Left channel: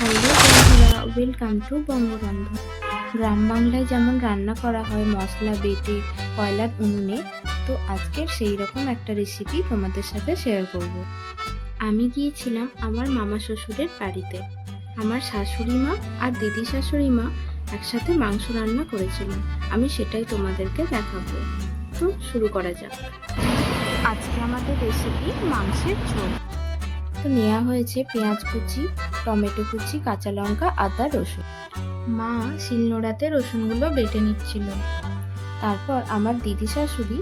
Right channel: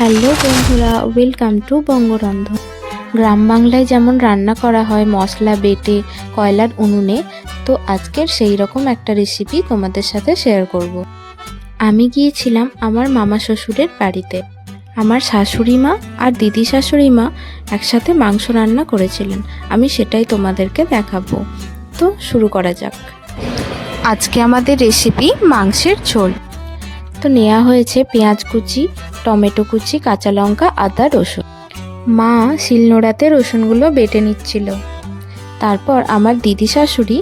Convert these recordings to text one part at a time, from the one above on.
Hello বন্ধুরা, welcome to বঙ্গরন্ধন। গ্রাম বাংলায় যেমন রান্না করা হয় মশলা বেটে কয়লার উনুনে, তো আজকের সেই রকম একটা রেসিপি তোমাদের সাথে শেয়ার করব। আমি গিয়েছিলাম আমার মামা শ্বশুরের বাড়িতে। আমার শাশুড়ি মা আর দিদি শাশুড়ি মা একসাথে মাংস রান্না করেছিলেন। আমি সেটাই তোমাদেরকে দেখাবো। তো শুরু করা যাক। আজকে আমাদের রেসিপি মাংসের ঝোল। তো নেওয়া হয়েছে পেঁয়াজ কুচি, টমেটো কুচি, কাঁচা লঙ্কা, আদা, রসুন। মা শিলনোড়াতে রসুনগুলো বেটে নিচ্ছিল। তারপর আমার দিদি শাশুড়ি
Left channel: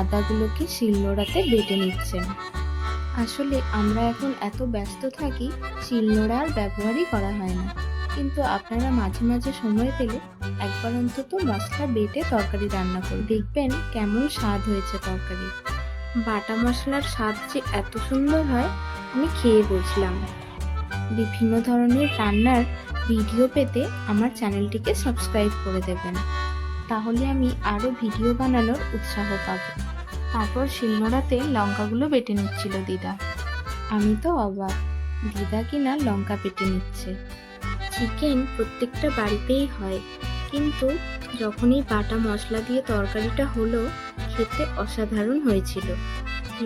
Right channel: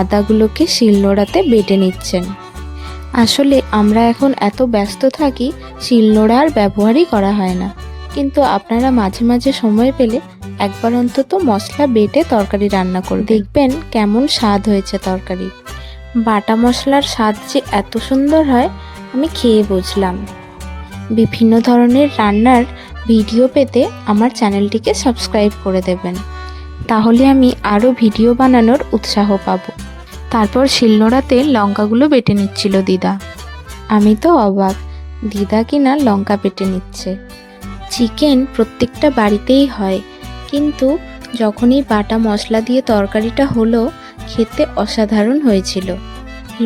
আদাগুলোকে শিলনোড়াতে বেটে নিচ্ছেন। আসলে আমরা এখন এত ব্যস্ত থাকি, শিলনোড়া আর ব্যবহারই করা হয় না। কিন্তু আপনারা মাঝে মাঝে সময় পেলে একবার অন্তত মশলা বেটে তরকারি রান্না করে দেখবেন কেমন স্বাদ হয়েছে তরকারি। বাটা মশলার স্বাদ যে এত সুন্দর হয় আমি খেয়ে বুঝলাম। বিভিন্ন ধরনের রান্নার ভিডিও পেতে আমার চ্যানেলটিকে সাবস্ক্রাইব করে দেবেন, তাহলে আমি আরও ভিডিও বানানোর উৎসাহ পাব। তারপর শিলনোড়াতে লঙ্কাগুলো বেটে নিচ্ছিল দিদা। আমি তো অবাক, দিদা কিনা লঙ্কা বেটে নিচ্ছে। চিকেন প্রত্যেকটা বাড়িতেই হয়, কিন্তু যখনই বাটা মশলা দিয়ে তরকারিটা হলো, খেতে অসাধারণ হয়েছিল।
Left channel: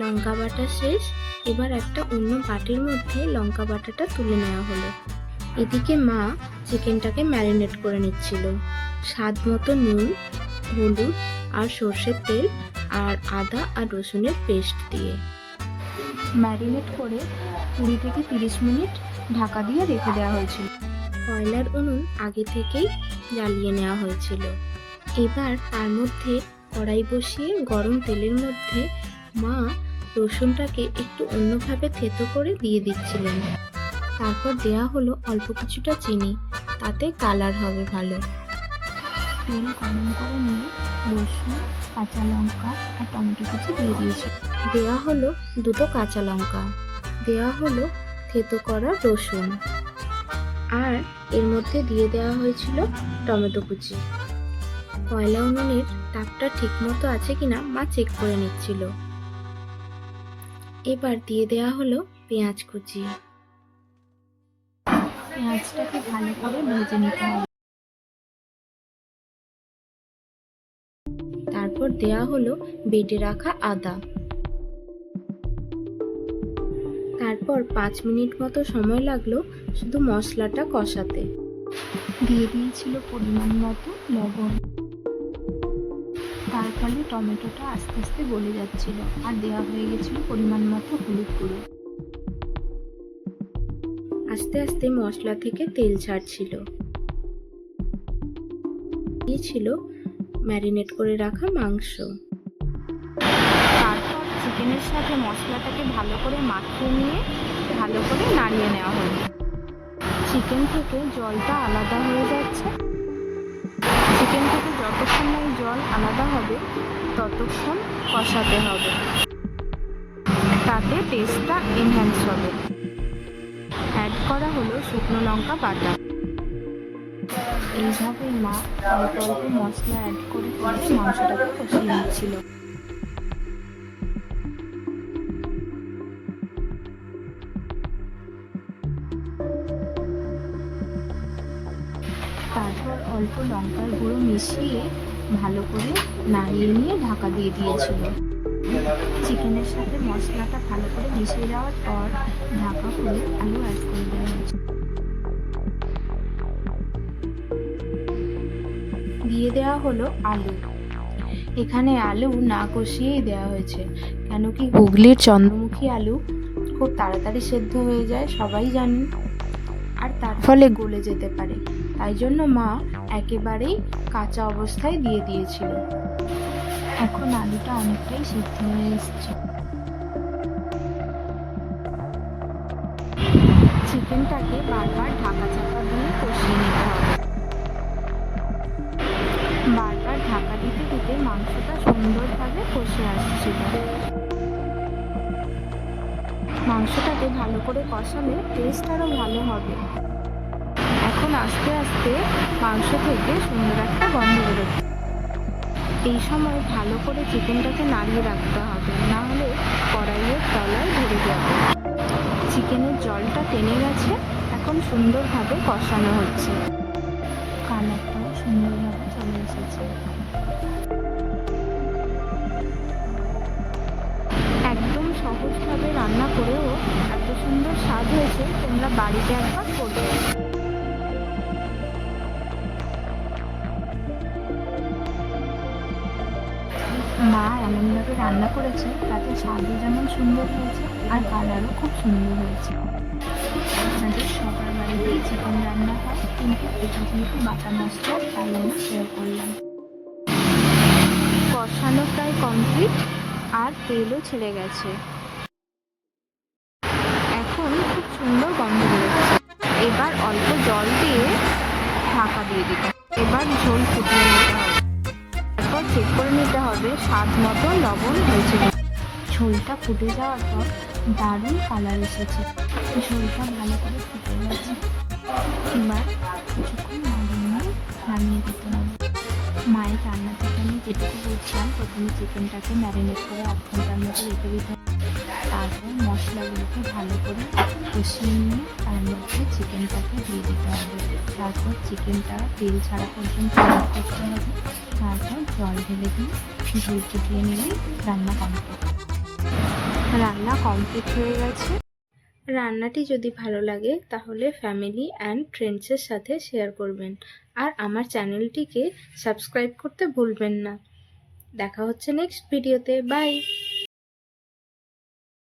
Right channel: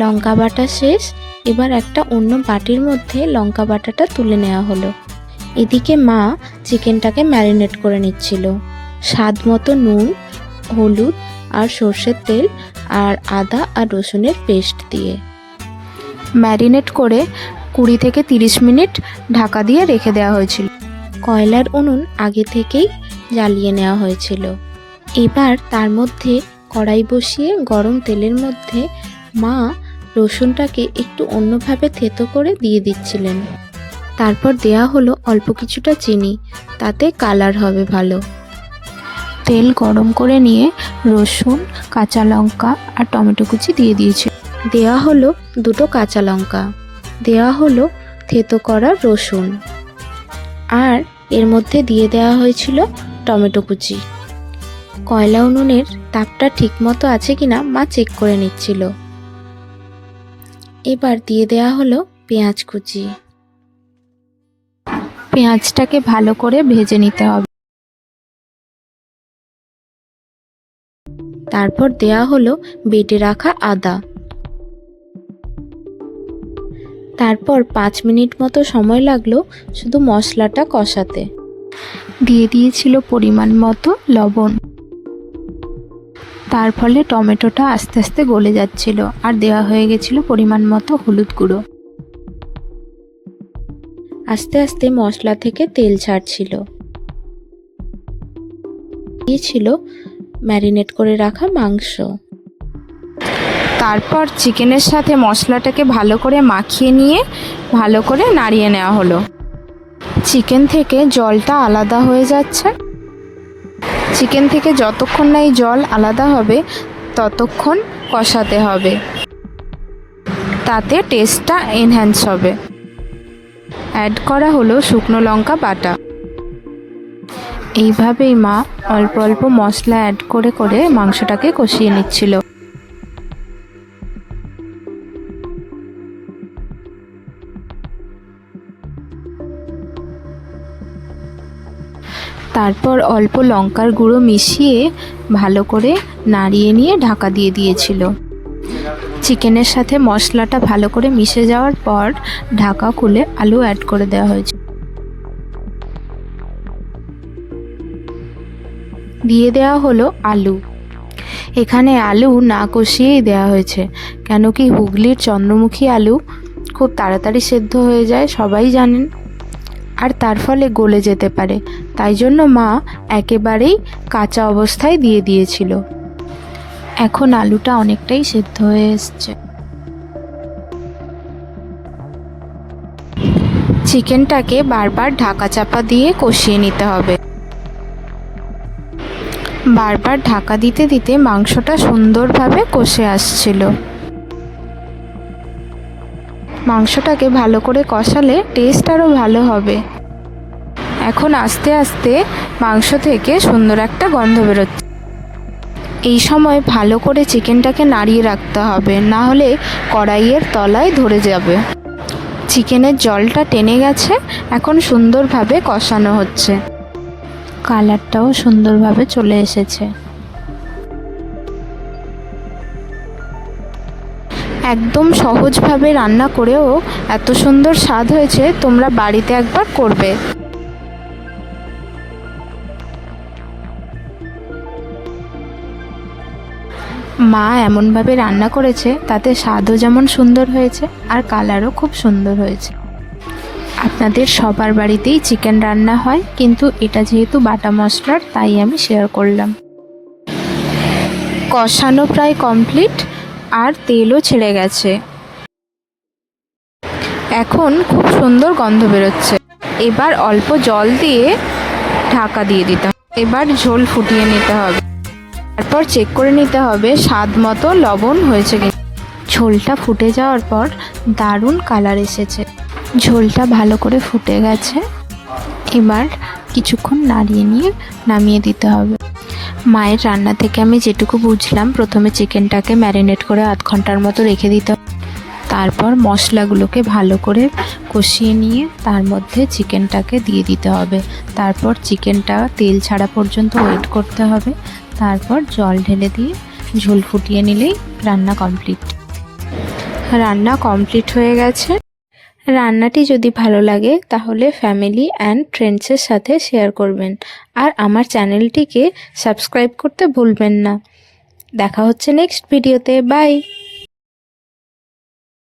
লঙ্কা বাটা শেষ, এবার একটা অন্য বাটির মধ্যে লঙ্কা বাটাটা তুলে নেওয়া হলো। এদিকে মা চিকেনটাকে ম্যারিনেট করে নিচ্ছিল স্বাদ মতো নুন, হলুদ আর সর্ষের তেল আর আদা আর রসুনের পেস্ট দিয়ে। ম্যারিনেট করে 20 থেকে 30 মিনিট ঢাকা দিয়ে রেখে দেওয়া হয়েছিল। কয়লার উনুন আগে থেকেই জ্বালিয়ে নেওয়া হয়েছিল। এবার তার মধ্যে কড়াই বসিয়ে গরম তেলের মধ্যে মা রসুনটাকে একটু অন্যভাবে থেতো করে দিয়ে দিচ্ছিলেন। তারপর দেয়া হলো অল্প কিছুটা চিনি, তাতে কালার হবে ভালো। তেল গরম করে নিয়ে রসুন, কাঁচা লঙ্কা আর টমেটো কুচি দিয়ে দিয়েছে। দেয়া হলো 2টো কাঁচা লঙ্কা, দেয়া হলো থেতো করা রসুন, আর এর মধ্যে দিয়ে দেওয়া হয়েছিল টমেটো কুচি। কয়লা উনুনের তাপটা ঠিকমতো আছে কিনা মা চেক করে নিচ্ছিল। এবার দিয়ে দেয়া হলো পেঁয়াজ কুচি। পেঁয়াজটাকে ভালো করে ভেজে নিতে হবে। তারপর দেয়া হলো বেটে রাখা আদা। তারপর 5 মিনিট মতো সময় লাগলো শুধু মশলাটা কষাতে। দিয়ে দিয়েছিল পরিমাণ মতো লবণ। তার ফলে টমেটোটা আস্তে আস্তে গলে যাচ্ছিল, আর দেওয়া হয়ে গেছিল পরিমাণ মতো হলুদ গুঁড়ো। আস্তে আস্তে মশলা থেকে তেল ছাড়ছিল। দিয়েছিল ম্যারিনেট করে রাখা মাংস। তারপর চিকেনের সাথে মশলাটাকে ভালো করে মাখিয়ে নিয়ে ভালো করে নাড়িয়ে নেওয়া হলো। চিকেন থেকে জলটা আলাদা হয়ে যাচ্ছে। চিকেন থেকে যতক্ষণ না এই জল আলাদা হবে ততক্ষণ কষাতে হবে, তাতে টেস্টটা এনহ্যান্স হবে। অ্যাড করা হলো শুকনো লঙ্কা বাটা। এইভাবেই মা অল্প অল্প মশলা অ্যাড করে করে মাংসটাকে কষিয়ে নিচ্ছিল। তারপর অল্প লঙ্কার গুঁড়ো মিশিয়ে ভালো করে নাড়িয়ে নিয়ে ঢাকা দিয়ে দিয়েছিল। চিকেনের সাথে মশলাটা ভালো করে মিশে যাওয়ার পর ঢাকা খুলে আলু অ্যাড করে দেওয়া হয়েছে। দিয়ে দেওয়া হলো আলু। এখানে আলু না কষিয়েই দেওয়া হয়েছে, কেন কি হুগলির চন্দ্রমুখী আলু খুব তাড়াতাড়ি সেদ্ধ হয়ে যায়, সবাই জানেন, আর তার ফলে গলে যেতে পারে। তাই জন্য মা একেবারেই কাঁচা অবস্থায় দিয়ে দিয়েছিল। এখন আলুটা অনেকটাই সেদ্ধ হয়ে এসছে। চিকেনটাকে বারবার ঢাকা চাপা দিয়ে কষিয়ে নিতে হবে। বারবার ঢাকা দিতে দিতে মাংসটা সুন্দরভাবে কষে আসছিল। মাংসটাকে ভালো করে কষালে টেস্ট আরও ভালো হবে। এখন আস্তে আস্তে মাংস থেকে সুন্দর একটা গন্ধ বেরোচ্ছে। এই সময় ভালো করে চিকেনটাকে নাড়িয়ে রাখতে হবে, না হলে কড়াইয়ের তলায় ধরে যাবে। চিকেনের জলটা টেনে গেছে, এখন সুন্দরভাবে কষানো হচ্ছে। কালারটাও সুন্দরভাবে চলে এসেছে। একদম সহজভাবে রান্না করেও এত সুন্দর স্বাদ হয়েছে, তোমরা বাড়িতে একবার করবে। মা এমনভাবে রান্না করেছে তাতে স্বাদও যেমন সুন্দর হয়েছে আর কালারও খুব সুন্দর হয়েছে। আপনাদের সবার বাড়িতেই চিকেন রান্না হয়, কিন্তু এটা যেহেতু বাটা মশলার তাই আমি শেয়ার করলাম। কষানো প্রায় কমপ্লিট আর তেলও ছেড়ে গেছে। এখন খুব সুন্দর গন্ধ বেরোচ্ছে। এবার অল্প জল দিয়ে ঢাকা দিয়ে দিতে হবে। এবার ঝোল ফুটিয়ে নিতে হবে। তারপর চেক করে নিতে হবে স্বাদ মতো লবণ হয়েছে কিনা। ঝোলটা ফুটে যাওয়ার পর দারুণ কালার এসেছে। ঝোলটা ভালো করে ফুটে গেছে। এবার কিছুক্ষণ নাড়িয়ে নিয়ে নামিয়ে দিতে হবে। মায়ের রান্না থেকে আমি যেটুকু বুঝলাম, প্রথমে চিকেনটাকে ম্যারিনেট করে আধ ঘন্টার মতো রেখে দিতে হবে। তারপর মশলাগুলোকে ভালো করে কষিয়ে নিয়ে তার মধ্যে চিকেনটাকে দিয়ে দিতে হবে। তারপর চিকেনটা তেল ছাড়া পর্যন্ত ওয়েট করতে হবে। তারপর জল ঢেলে দিয়ে ঝোল ফুটিয়ে নিলেই রান্না কমপ্লিট। রান্না কমপ্লিট হয়ে গেছে। রান্নাটি যদি ভালো লাগে তাহলে ফ্যামিলি অ্যান্ড ফ্রেন্ডসের সাথে শেয়ার করবেন, আর আমার চ্যানেলটিকে সাবস্ক্রাইব করতে ভুলবেন না। দেখা হচ্ছে নেক্সট ভিডিওতে। বাই।